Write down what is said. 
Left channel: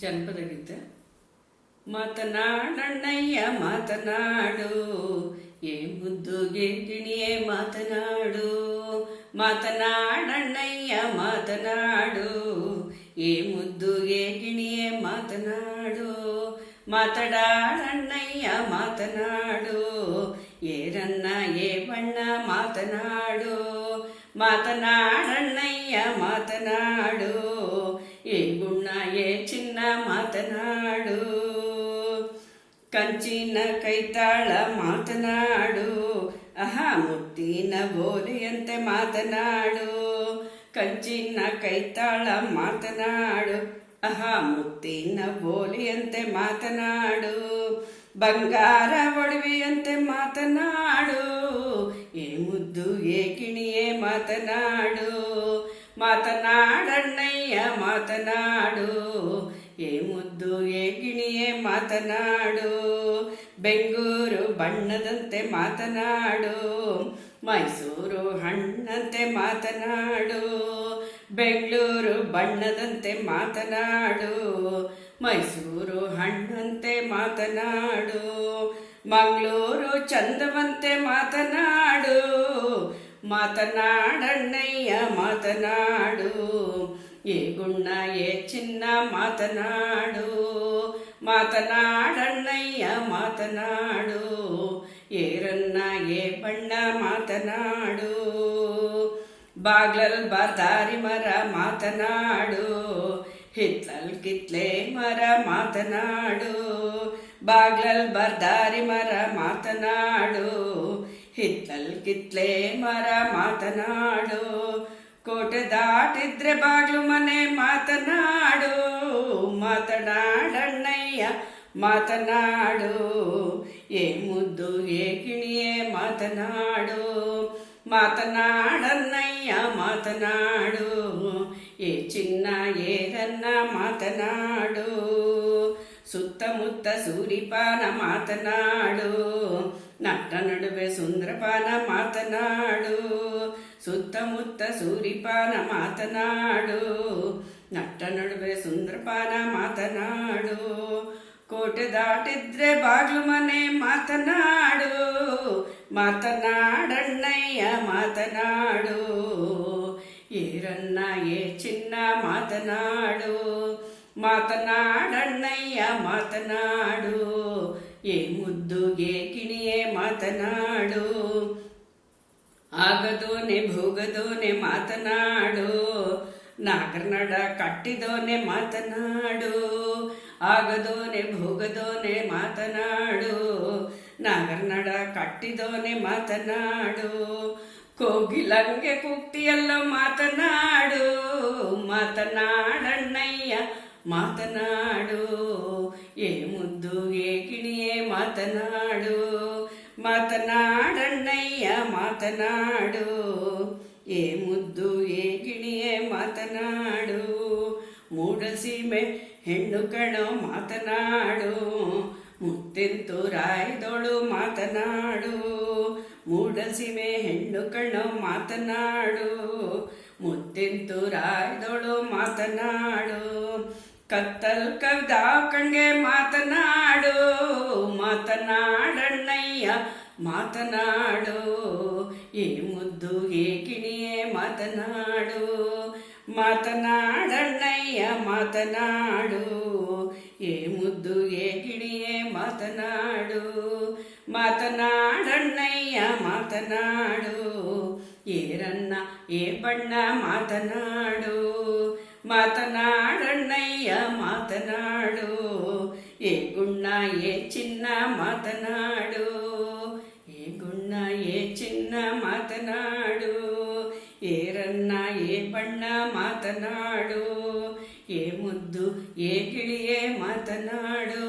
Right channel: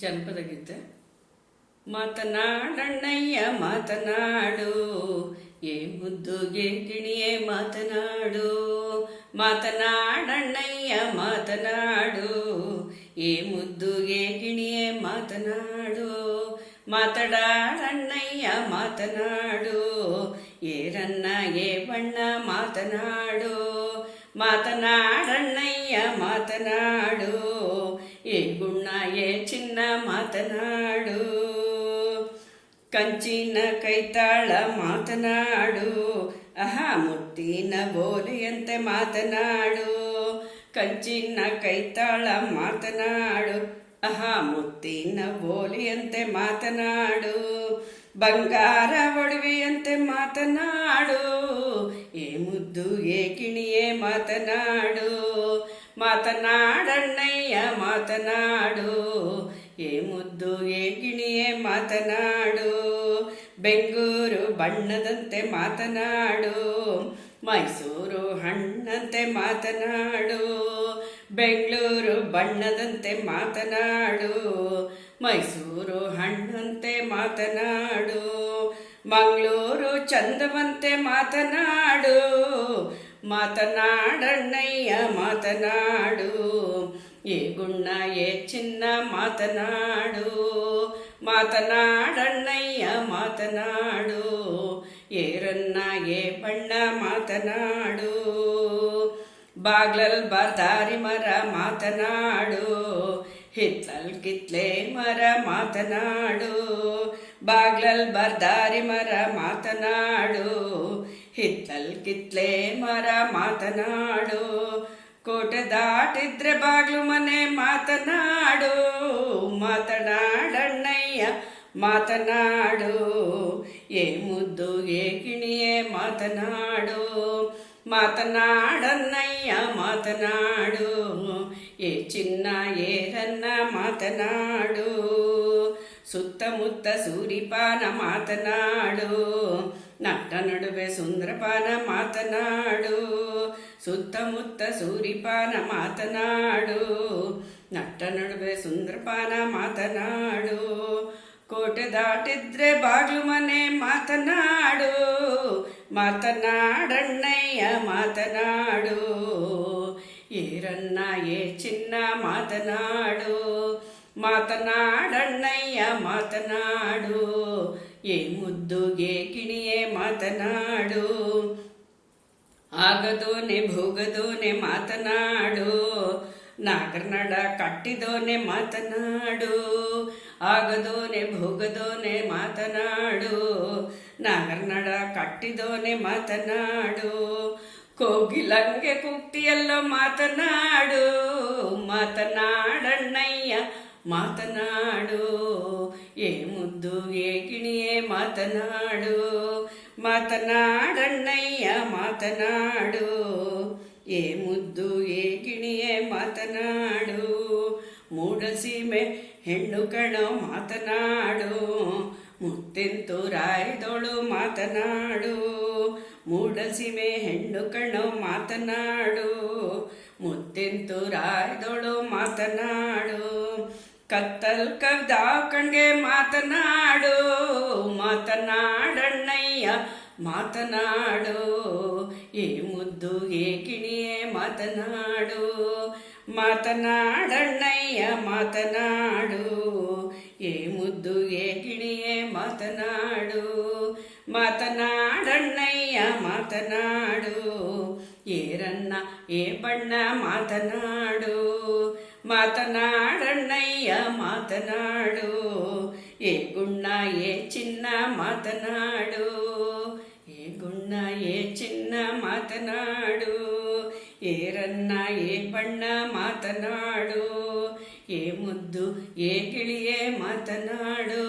ಜನಪದ ಗೀತೆ. ಮಾತನಾಡಣ್ಣಯ್ಯ ಮಾತನಾಡು, ಏ ಮುದ್ದುಗೆ ಗಿಣಿಯೇ ಮಾತನಾಡು. ಮಾತನಾಡಣ್ಣಯ್ಯ ಮಾತನಾಡು, ಏ ಮುದ್ದುಗೆ ಗಿಣಿಯೇ ಮಾತನಾಡು. ಮಾತನಾಡಣ್ಣಯ್ಯ ಮಾತನಾಡು, ಏರನ್ನ ಏ ಬಣ್ಣ ಮಾತನಾಡು. ಮಾತನಾಡಣ್ಣಯ್ಯ ಮಾತನಾಡು, ಏ ಗುಣ ಏ ಚಿನ್ನ ಮಾತನಾಡು. ಕಂಚಿನ ಕೈತಾಳ ಮಾತನಾಡು, ಆಹಾ ಮುತ್ತಿನ ಬೋಲಿಯಂತೆ ಮಾತನಾಡು. ಕಂಚಿನ ಕೈತಾಳ ಮಾತನಾಡು, ಆಹಾ ಮುತ್ತಿನ ಬೋಲಿಯಂತೆ ಮಾತನಾಡು. ಬಂಗಾರ ಒಡವೆಯಂತೆ ಮಾತನಾಡು, ಏ ಮುದ್ದು ಏ ಗಿಣಿಯೇ ಮಾತನಾಡು. ಮಾತನಾಡಣ್ಣಯ್ಯ ಮಾತನಾಡು, ಏ ಮುದ್ದು ಏ ಗಿಣಿಯೇ ಮಾತನಾಡು. ಬೆಂಗೂರು ಬಣ್ಣದಂತೆ ಮಾತನಾಡು, ಮೈಸೂರು ಹಣ್ಣಂತೆ ಮಾತನಾಡು. ಬೆಂಗಳೂರು ಬಣ್ಣದಂತೆ ಮಾತನಾಡು, ಮೈಸೂರು ಹಣ್ಣಂತೆ ಮಾತನಾಡು. ಮಂಗಳೂರು ಚಂದವಂತೆ ಮಾತನಾಡು, ಮಾತನಾಡಣ್ಣಯ್ಯ ಮಾತನಾಡು. ಏ ಗುಣ ಏ ಚಿನ್ನ ಮಾತನಾಡು. ಮಾತನಾಡಣ್ಣಯ್ಯ ಮಾತನಾಡು, ಏರನ್ನ ಏ ಬಣ್ಣ ಮಾತನಾಡು. ಬಾಗ್ಲಲ್ ಬಾದಾರಿ ಮರ ಮಾತನಾಡು, ಹಿತ್ಲಲ್ ಕಿತ್ಲೆ ಮರ ಮಾತನಾಡು. ಬಾಗ್ಲಲ್ ಬಾದಾರಿ ಮರ ಮಾತನಾಡು, ಹಿತ್ತಲ್ ಕಿತ್ಲೆ ಮರ ಮಾತನಾಡು. ಕೋಟೆ ದಾಟಿದ್ರೆ ಬಾಗ್ಲು ಮನೆ ಮಾತನಾಡು. ಮಾತನಾಡಣ್ಣಯ್ಯ ಮಾತನಾಡು, ಏ ಮುದ್ದು ಏ ಗಿಣಿಯೇ ಮಾತನಾಡು. ಮಾತನಾಡಣ್ಣಯ್ಯ ಮಾತನಾಡು, ಏ ಚಿನ್ನ ಏರನ್ನ ಮಾತನಾಡು. ಸುತ್ತಮುತ್ತ ಸೂರಿಪಾನ ಮಾತನಾಡು, ನಟ್ಟ ನಡುವೆ ಸುಂದರಪಾನ ಮಾತನಾಡು. ಸುತ್ತಮುತ್ತ ಸೂರಿಪಾನ ಮಾತನಾಡು, ನಟ್ಟ ನಡುವೆ ಸುಂದರಪಾನ ಮಾತನಾಡು. ಕೋಟೆ ದಾಟಿದ್ರೆ ಬಾಗ್ಲು ಮನೆ ಮಾತನಾಡು. ಮಾತನಾಡಣ್ಣಯ್ಯ ಮಾತನಾಡು, ಏರನ್ನ ಏ ಚಿನ್ನ ಮಾತನಾಡು. ಮಾತನಾಡಣ್ಣಯ್ಯ ಮಾತನಾಡು, ಏ ಮುದ್ದುಗೆ ಗಿಣಿಯೇ ಮಾತನಾಡು. ಆಗದೋನೆ ಭೋಗದೋನೆ ಮಾತನಾಡು, ನಾಗರನಡ ಕಟ್ಟಿದೋನೆ ಮಾತನಾಡು. ಆಗದೋನೆ ಭೋಗದೋನೆ ಮಾತನಾಡು, ನಾಗರನಡ ಕಟ್ಟಿದೋನೆ ಮಾತನಾಡು. ಕೋಗಿಲಂಗೆ ಕುಟ್ಟಿಯಲ್ಲೋ ಮಾತನಾಡು. ಮಾತನಾಡಣ್ಣಯ್ಯ ಮಾತನಾಡು, ಏ ಮುದ್ದು ಏ ಗಿಣಿಯೇ ಮಾತನಾಡು. ಮಾತನಾಡಣ್ಣಯ್ಯ ಮಾತನಾಡು, ಏ ಮುದ್ದು ಏ ಗಿಣಿಯೇ ಮಾತನಾಡು. ಮೂಡಸೀಮೆ ಹೆಣ್ಣು ಕಣೋ ಮಾತನಾಡು, ಮುತ್ತೆಂತು ರಾಯ್ದೋಳು ಮಾತನಾಡು. ಮೂಡಸೀಮೆ ಹೆಣ್ಣು ಕಣೋ ಮಾತನಾಡು, ಮುತ್ತೆಂತು ರಾಯ್ದೋಳು ಮಾತನಾಡು. ಕತ್ತಲ್ ಕಗ್ದ ಕಣ್ಗೆ ಮಾತನಾಡು. ಮಾತನಾಡಣ್ಣಯ್ಯ ಮಾತನಾಡು, ಏ ಮುದ್ದು ಏ ಗಿಣಿಯೇ ಮಾತನಾಡು. ಮಾತನಾಡಣ್ಣಯ್ಯ ಮಾತನಾಡು, ಏ ಮುದ್ದು ಏ ಗಿಣಿಯೇ ಮಾತನಾಡು. ಮಾತನಾಡಣ್ಣಯ್ಯ ಮಾತನಾಡು, ಏರನ್ನ ಏ ಬಣ್ಣ ಮಾತನಾಡು. ಮಾತನಾಡಣ್ಣಯ್ಯ ಮಾತನಾಡು, ಏ ಗುಣ ಏ ಚಿನ್ನ ಮಾತನಾಡು. ಏ ಗುಣ ಏ ಚಿನ್ನ ಮಾತನಾಡು, ಏರನ್ನ ಏ ಬಣ್ಣ ಮಾತನಾಡು. ಏ ಮುದ್ದು ಏ ಗಿಳಿಯೇ ಮಾತನಾಡು.